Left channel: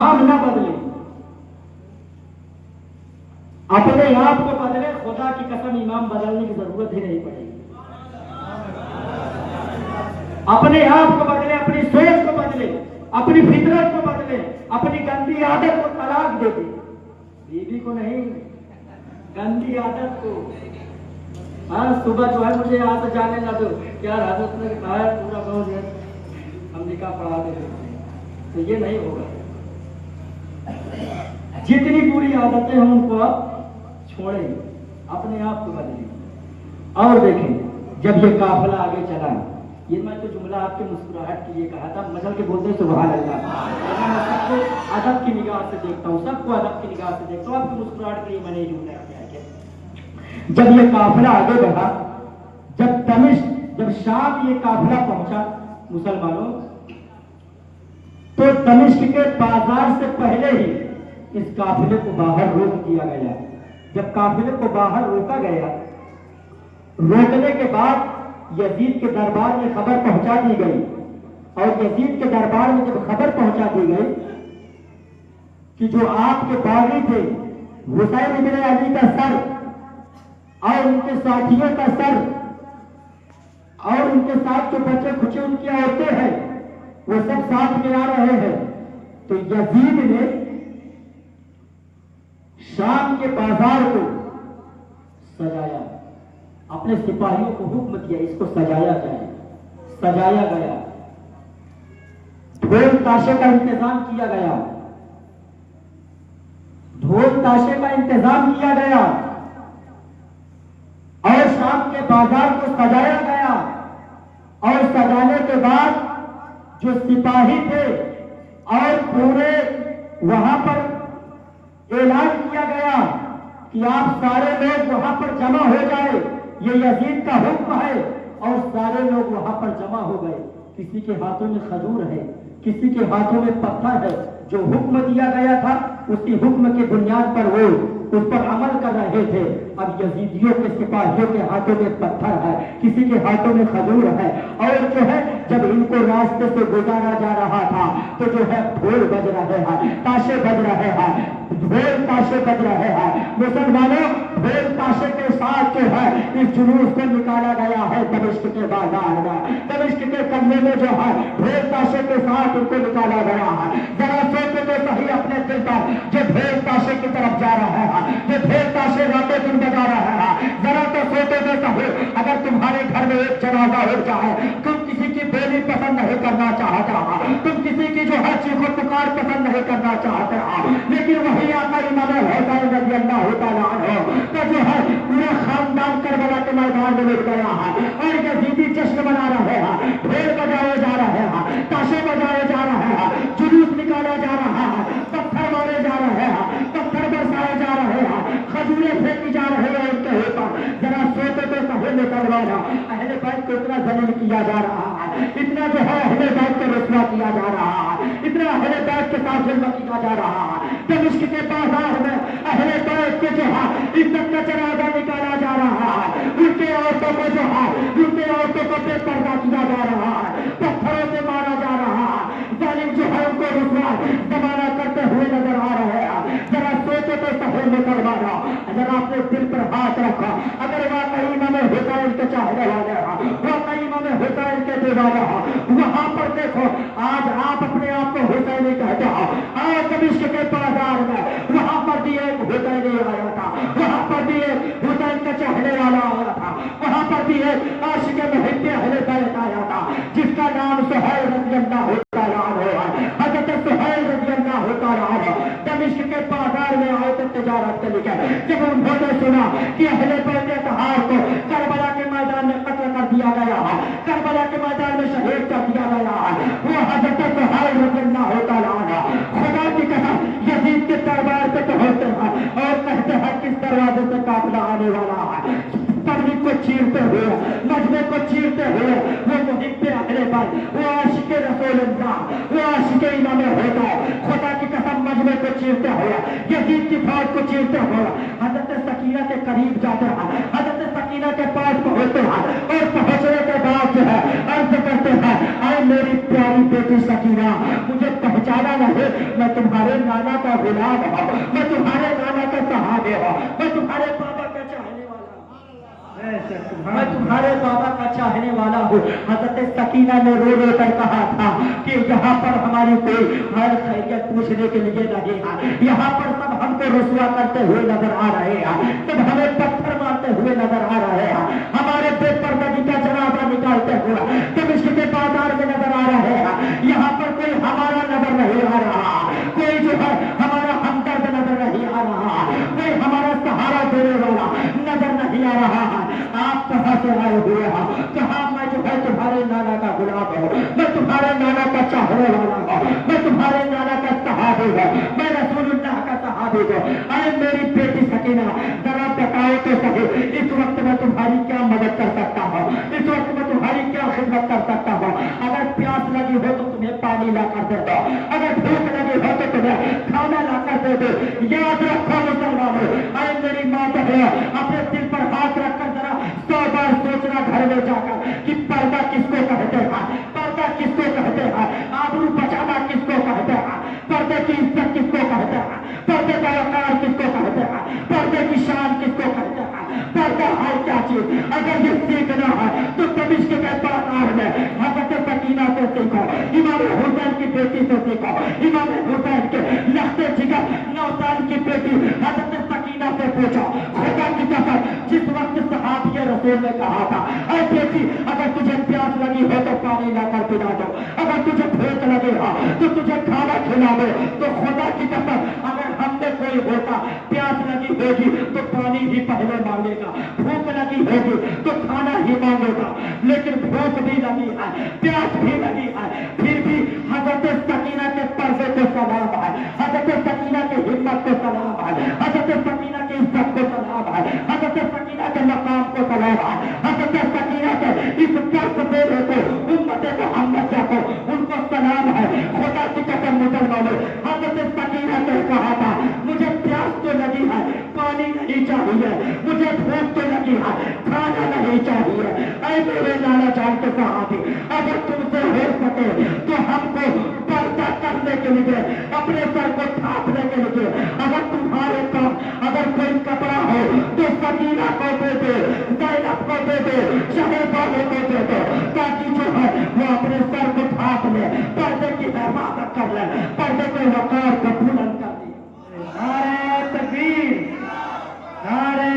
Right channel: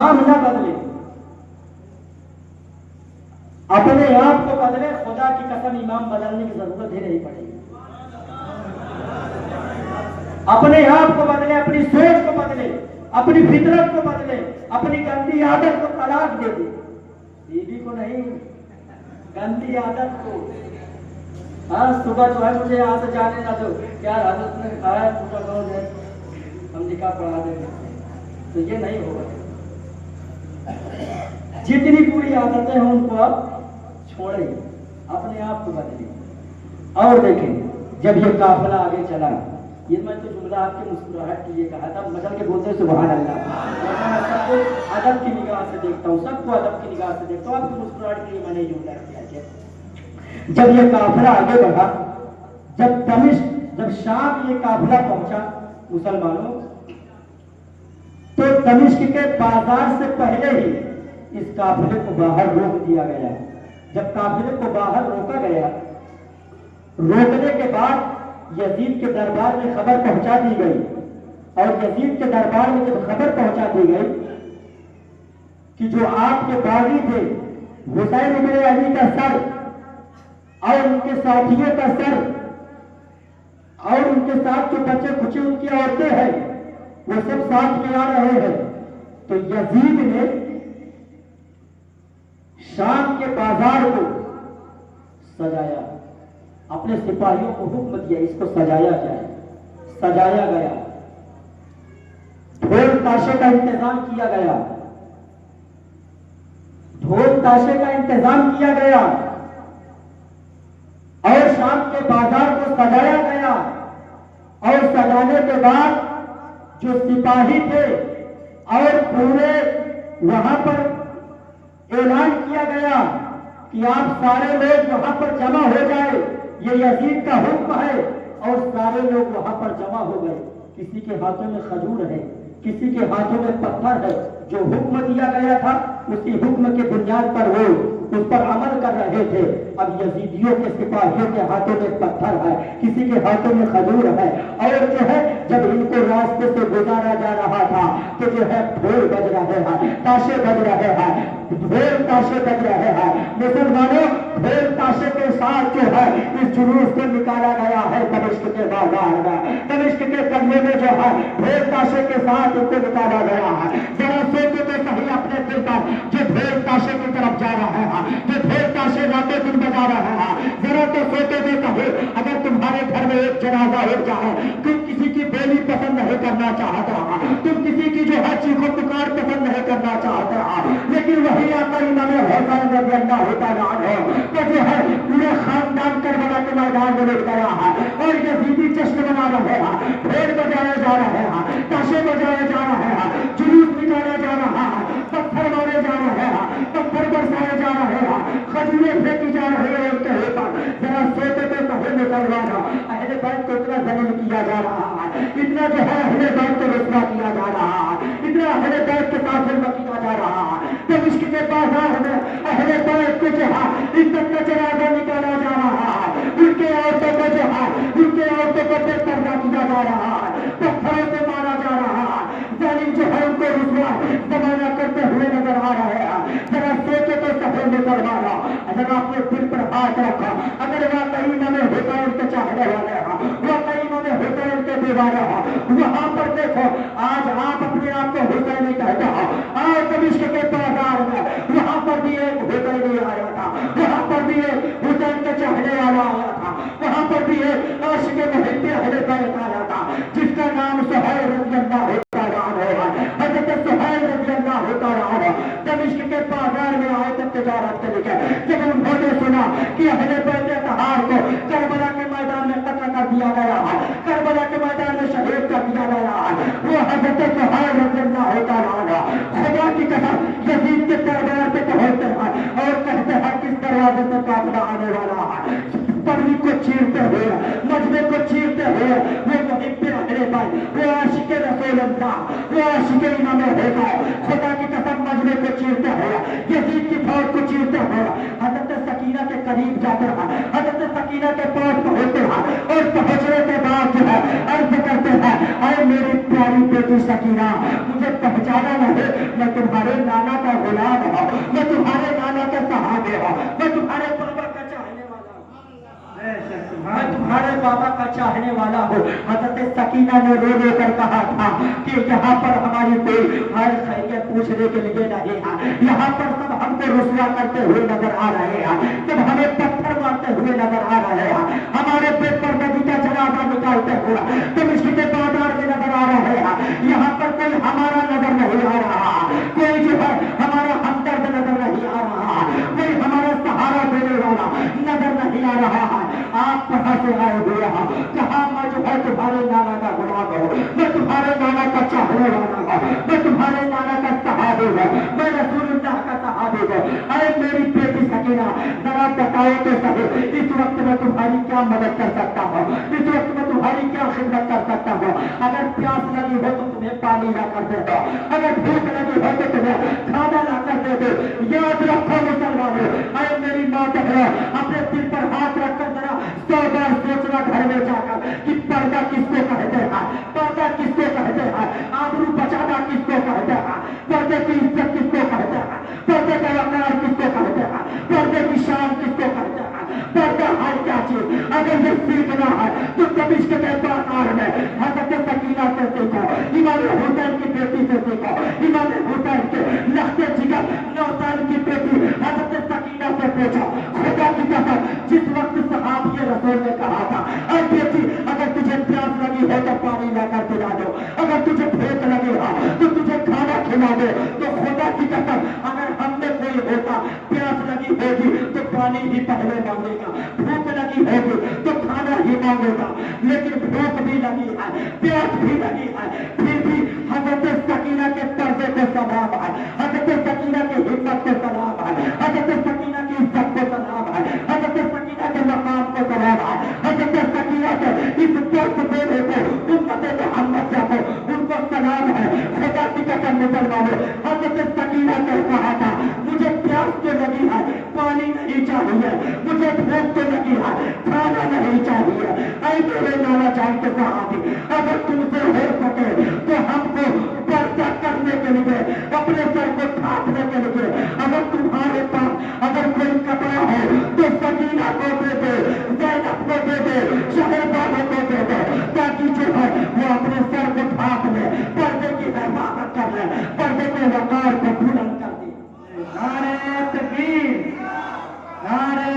हम न बदले, अपने आप को बदले, खुदा की कसम इमाम बदलने की जरूरत ही नहीं पड़ेगी। अपने आप को बदले, अपनी सोच को बदले, अपनी फितरत को बदले, अपनी गंदी आदत को तलाक दे दे, बीवी को नहीं, गंदी आदत को। हाँ, सुबह जो है मुझे यहाँ से जाने ना दो, क्या हालत में खाया पूरा रोज है, हम निकाह पढ़ा देते, तो ये नहीं होगा। जितनी बुरी आदतें हैं उनको आप छोड़े, अपने आप को बदले। और देखें, जब ये काफिला आगे चला, ये मैं तो जुमला आपके मुस्कुराहट के लिए कहा था, बदल के बोलते सुभान अल्लाह। मैं सबको अदब की निगाह से देखता हूँ, सबको अदब की निगाह से देखता हूँ, आपकी मुस्कुराहट के लिए मैंने जुमला किया। जब ये काफिला आगे बढ़ा, जब शाम ये काफिला पहुंचा मुसलमानों, तो दमिश्क के बाजार से पहले ही इस काफिले को बाहर रोक दिया गया। जब काफिले को बाहर रोका गया, रोकने के बाद यजीद के दरबार में खबर पहुंचा दी गई, और यजीद के दरबार में जब खबर पहुंचा दी गई कि जो आपके बागी थे हुसैन इब्न अली का सर और उनके साथियों का सर और उनके साथ जो बच्चे खुचे उनकी औरतें हैं, वो सब साथ में आ रहे हैं। तो यजीद ने शाम के बाजार को सजाया, अपने सिपाहियों को हुक्म दिया इसको सजाया जाए। सजाया गया, ढोल ताशे का इंतजाम किया गया, ढोल ताशे का इंतजाम किया गया, और शाम के बाजार को सजाया गया। और सजाने के बाद जो सिपाही थे और पूरे वहां पर ऐलान किया गया कि आप सारे लोग वहां पर जमा हो जाए, ये यजीद का हुक्म है। और सारे लोग वहां पर जमा हो गए। किसी के हाथों में खजूर है, किसी के हाथों में पत्थर है। जो हुक्म दिया गया था उसी हुक्म के बुनियाद पर वो उस पर अमल कर रहे थे। अब यजीदियों के सिपाहियों के हाथों में पत्थर है, किसी के हाथों में खजूर है, और जो है जब इनको रास्ते से गुजारा जा रहा था तो जो है ढोल बज रहे हैं, ताशे बज रहे हैं, ढोल ताशे बज रहे हैं। मुसलमानों, ढोल ताशे के साथ जो है इस जुलूस को निकाला गया है दमिश्क के बाजार में। दमिश्क के कमरे में जो है ढोल ताशे के साथ उनको निकाला गया है। जरा सोचो तो सही अपने दिल पर, जो ढोल ताशे की तरफ जा रहे हैं, जो ढोल ताशे रातें दिन बजा रहे हैं, जरा तो सोचो तो सही, अगर तुम्हारे घर में एक जनाजा हो जाए, तुम किसी की बेली पसंद नहीं करना चाहते, तुम किसी की जो है चीखो पुकार पसंद नहीं करना चाहते, लेकिन वही आका इमाम हुसैन रज़ी अल्लाह तआला अन्हु तो जो है पूरे खानदान करबला के मैदान में लेट गया है, और यजीदी जश्न मना रहे हैं, ढोल बजाए जा रहे हैं, ताशे बजाए जा रहे हैं, जुलूस निकाला जा रहा है, पत्थर मारे जा रहे हैं, पत्थर बरसाए जा रहे हैं, खजूरें फेंकी जा रही है उनके ऊपर। जरा सोचो तो कहे मुसलमानों, अहले बैत को इतना जलील किया जा रहा है, इतना जो है अहले बैत को रुसवा किया जा रहा है, इतना अहले बैत के साथ जुल्म किया जा रहा है। दमिश्क के बाजार में अहले बैत को जो है इज्जत का जनाजा निकाला जा रहा है, उनके औरतों को जो है उनके औरतों को बेपर्दा किया जा रहा है, पत्थरों से मारा जा रहा है, जालिम जो है उनको रुसवा जमाना करते हुए नजर आ रहे हैं। जरा सोचो तो सही मुसलमानों, अगर आपने दिल पर हाथ रखा, अगर वाकई इमाम हुसैन के चाहने वाले हो, वाकई इमाम हुसैन के दीवाने हो, वहां पर देखो आज आप अपने आप को हुसैनी कहते हो, और दमिश्क के बाजार में वहां पर भी एक हुसैनी आया था, वहां पर भी एक हुसैन के चाहने वाला आया था, वहां पर भी एक आशिक मुहिब्बे अहले बैत आया था, जिसका नाम सुहैल रज़ी अल्लाह तआला अन्हु है। हज़रत सुहैल रज़ी अल्लाह तआला अन्हु दमिश्क के बाजार में आए थे तिजारत के लिए। जब उन्होंने सुना कि अहले बैत अतहार को करबला के मैदान में कत्ल कर दिया गया है, करबला के मैदान में शहीद कर दिया गया है, वो हज़रत सुहैल रज़ी अल्लाह तआला अन्हु खुदा की कसम यजीद के दरबार पे पहुंचते हैं और कहते हैं किस दरवाजे से काफिला आने वाला है। तबलीग को चीरते हुए, मजमे को चीरते हुए, वो मुहिब्बे अहले बैत, वो आशिके रसूल अल्लाह, वो आशिके इमाम हुसैन, खुदा की कसम मजमे को चीरते हुए, यजीद की फौज को चीरते हुए हज़रत सकीना के करीब जाते हैं, हज़रत सकीना के पास पहुंचते हैं, और पहुंचने के बाद जो है अर्ज करते हैं, अरे मेरी प्यारी बेटी सकीना, मुझे पहचाना नहीं, मैं तुम्हारे میں تمہارے بابا کا چاہنے والا ہوں. حضرت سکینہ نے رو رو کر کہا تھا کہ یہاں پر ہماری کوئی ہر خیریت پوچھنے کے لیے نہیں ہے. یہاں پر سب ہم کو رسوا کرتے ہوئے نظر آ رہے ہیں, سب ہمیں پتھر مارتے ہوئے نظر آ رہے ہیں, ہمارے پیٹ پر نبی کا جنازہ نکالتے ہوئے دمشق کے بازار میں نظر آ رہے ہیں. یہاں پر کوئی ہمارا نظر نہیں آ رہا, کوئی جو ہے ہمارا ہمدرد نظر نہیں آ رہا, کوئی ہمارا سہارا دینے والا نظر نہیں آ رہا ہے. آپ کہاں سے آئے ہوئے ہیں؟ کہاں میں جو ہے تمہارے نانا کا غلام ہوں, میں تمہارے نانا کا چاہنے والا ہوں, میں تمہارے نانا کا صحابی ہوں, میں رسول اللہ کا صحابی ہوں. اے میری بیٹی سکینہ, ذرا بتاؤ تو صحیح, اس وقت میں تمہاری کیا مدد کر سکتا ہوں, اس وقت میں تمہاری کیا خدمت کر سکتا ہوں. اگر پیاس لگی ہو تو تمہیں پانی لا کر دے دو, اگر بھوک لگی ہو تو تمہیں کھانا لا کر دے دو. یاد رکھو مسلمانوں, اے میری ماں بہنوں, اپنے دل پر ہاتھ رکھ کر ذرا 100 بار سوچنا گھر میں جا کر کہ پردہ کس کو کہتے ہیں, پردہ کس کو کہتے ہیں, آبرو بچانا کس کو کہتے ہیں, پردے کی عزت کس کو کہتے ہیں, پردے کا وقار کس کو کہتے ہیں, پردے کی شان کس کو کہتے ہیں, پردہ ہے کیا چیز. اگر یہ سیکھنا ہے تو دمشق کے بازار میں حضرت سکینہ سے سیکھو, امام حسین کی بیٹی سے سیکھو, امام حسین کے لخت جگر 9 سال کی بیٹی حضرت سکینہ سے پوچھو. خدا کی قسم, جس وقت صحابی رسول نے کہا تھا اے بیٹی اگر تجھے پیاس لگی ہے تو پانی لا کر پلا دو, اگر تجھے بھوک لگے گا تو تجھے کھانا کھلا دو, تو خدا کی قسم اگر ہم میں کوئی ہوتا پیاس لگی ہوگی تو پانی ہی پہلے مانگے گا, بھوک لگی ہوگی تو کھانا ہی مانگے گا. لیکن بھوک بھی لگی ہے, پیاس بھی لگی ہے, پھر بھی حضرت سکینہ کے پردے کو سلام ہے, حضرت سکینہ کی ہمت کو سلام ہے, حضرت سکینہ کی عزت کو سلام ہے, حضرت سکینہ کے مقام کو سلام ہے, حضرت سکینہ کے اس درس دینے کو امت محمد کو ان کو سلام ہے. خدا کی قسم مسلمانوں, حضرت سکینہ نے کہا تھا مجھے پیاس تو لگی ہے, پانی نہیں چاہیے, مجھے بھوک تو لگی ہے, کھانا نہیں چاہیے. اے میرے نانا جان کے صحابی, اگر تم سے ہو سکے تو ہم کو پردہ کرنے کے لیے, اپنے سر کو ڈھانپنے کے لیے, اگر تمہارے پاس اگر کوئی کپڑا ہو تو سکینہ کو دے دے, زینب کو دے دے, شہر والوں کو دے دے, تاکہ جو ہے وہ اپنے سر کو ڈھانپ لے, پردے کی حفاظت کر لے, پردے کے وقار کو بلند کر دے. نعرہ تکبیر, نعرہ